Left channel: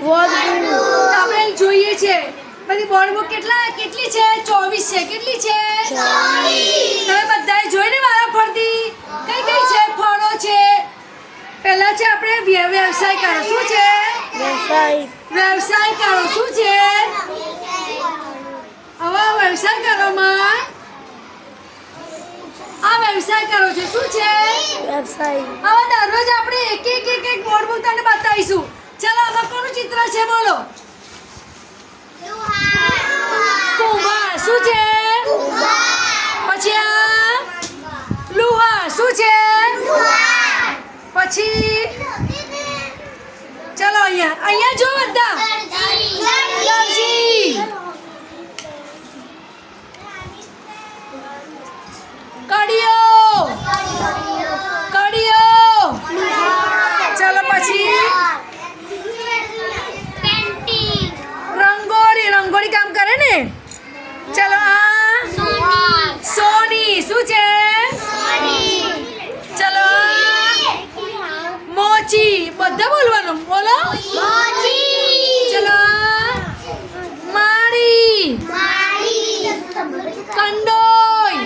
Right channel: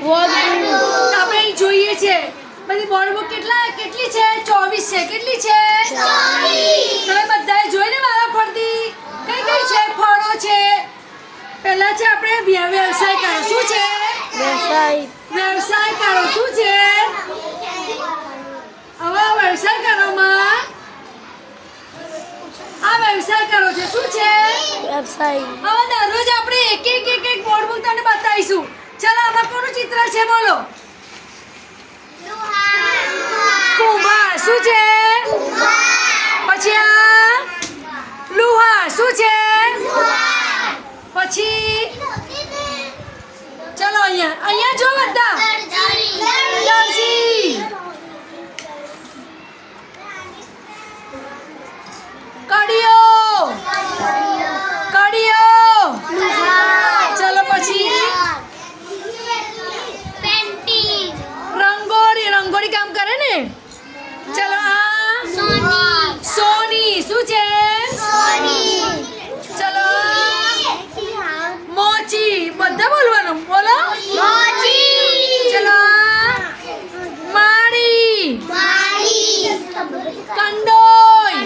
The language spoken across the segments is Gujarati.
આપણે અહીં જોઈએ છે બધી બોર્ડ બુક કેટલી છે 24 છે કેટલી છે 24 તમે બધાએ જોઈને વારા ફરતી કઈ છે ફળો છે પહેલા છે આપણે વ્યવસાય કરો શું છે વ્યવસાય કરો શું છે હવે વ્યવસાય કરોમાં આ વ્યવસાય કરો છો શું છે વ્યવસાય હવે દરરોજ આપણે એક બોર્ડ બુક તમને બતાવીશું ચાલો આમાં કોનું ચિત્ર છે બોલો કુંભાર શું છે પછી આ લુહાર શું છે પછી ચાલો અહીંયા જો બધા દરજી કડિયો ચાલો પછી રંગોળી કામ કરે ને ચાલો આ સોની શું છે ચાલો મોચી બધા બોલવાનું બોલો ચાલો માળી કંડોઈ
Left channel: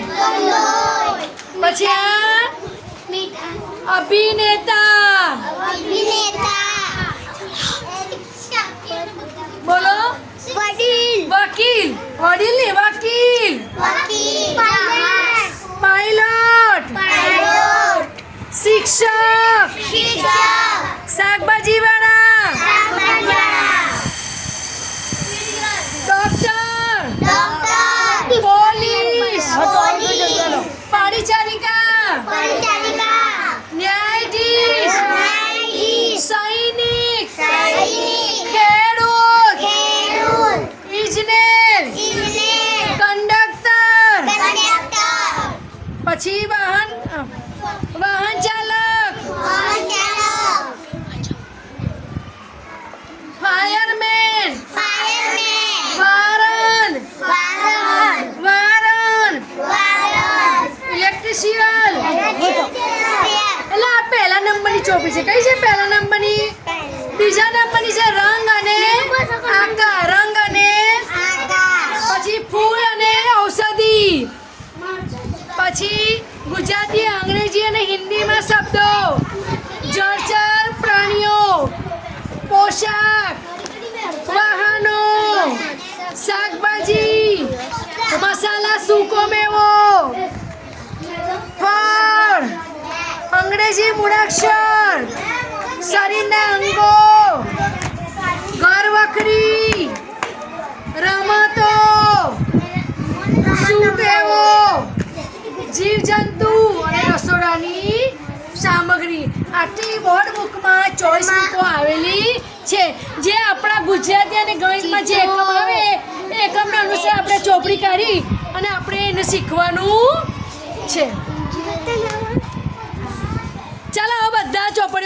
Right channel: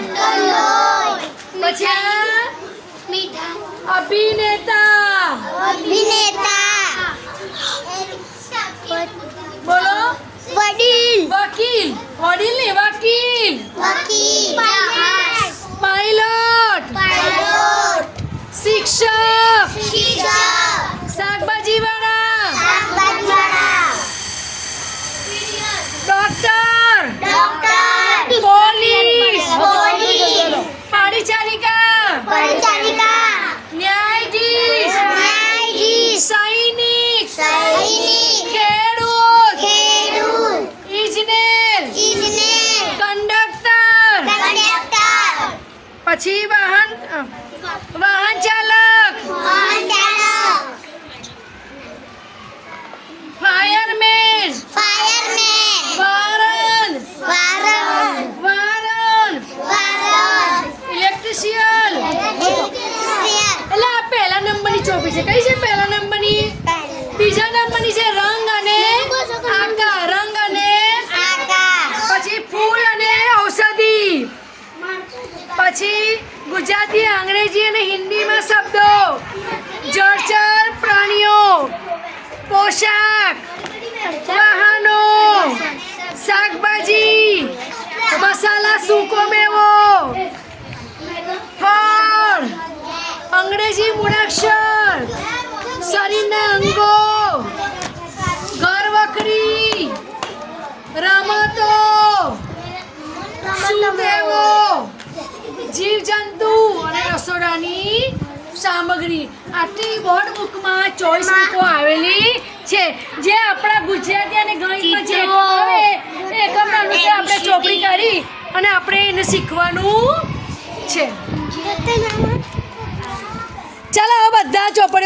પછી આ અભિનેતા બોલો વકીલ પાયલોટ શિક્ષક શાકભાજી વાળા ડોક્ટર પોલીસ પરિચારિકા ન્યાયાધીશ સૈનિક ખેડૂત ઇજનેર કંડક્ટર પછી વાહન ચાલક ફાયરમેન વારન ઇલેક્ટ્રિશિયન એટલે આ પહેલા નંબરની ચોપડી છે કઈ છે પહેલા નંબરની બીજા નંબરની છે રંગ અને આકાર પછી ફૂલ અને ઔષધિ પછી ગુજરાતી અંગ્રેજી અને હિન્દીમાં શબ્દો જળચર પ્રાણીઓ પોશાક વાહનો શાકભાજી મસાલા સૂકો મેવો ફળ અંગ્રેજી મૂળાક્ષર શરીરના અંગો ઘર વખરી રમતો સુટેવો જીવજંતુ અને રસોડાની સામગ્રી આટલી બોર્ડ બુકમાં ચોઈસ બુકો આવેલી છે જે આપણા ગુજરાતી અને ગણિતમાં જે એકમ આવે એ એકમના અનુસાર આપણે ચોપડી કરી અને આપણે એને શીખવાનું છે ચાલો બધા ચોપડી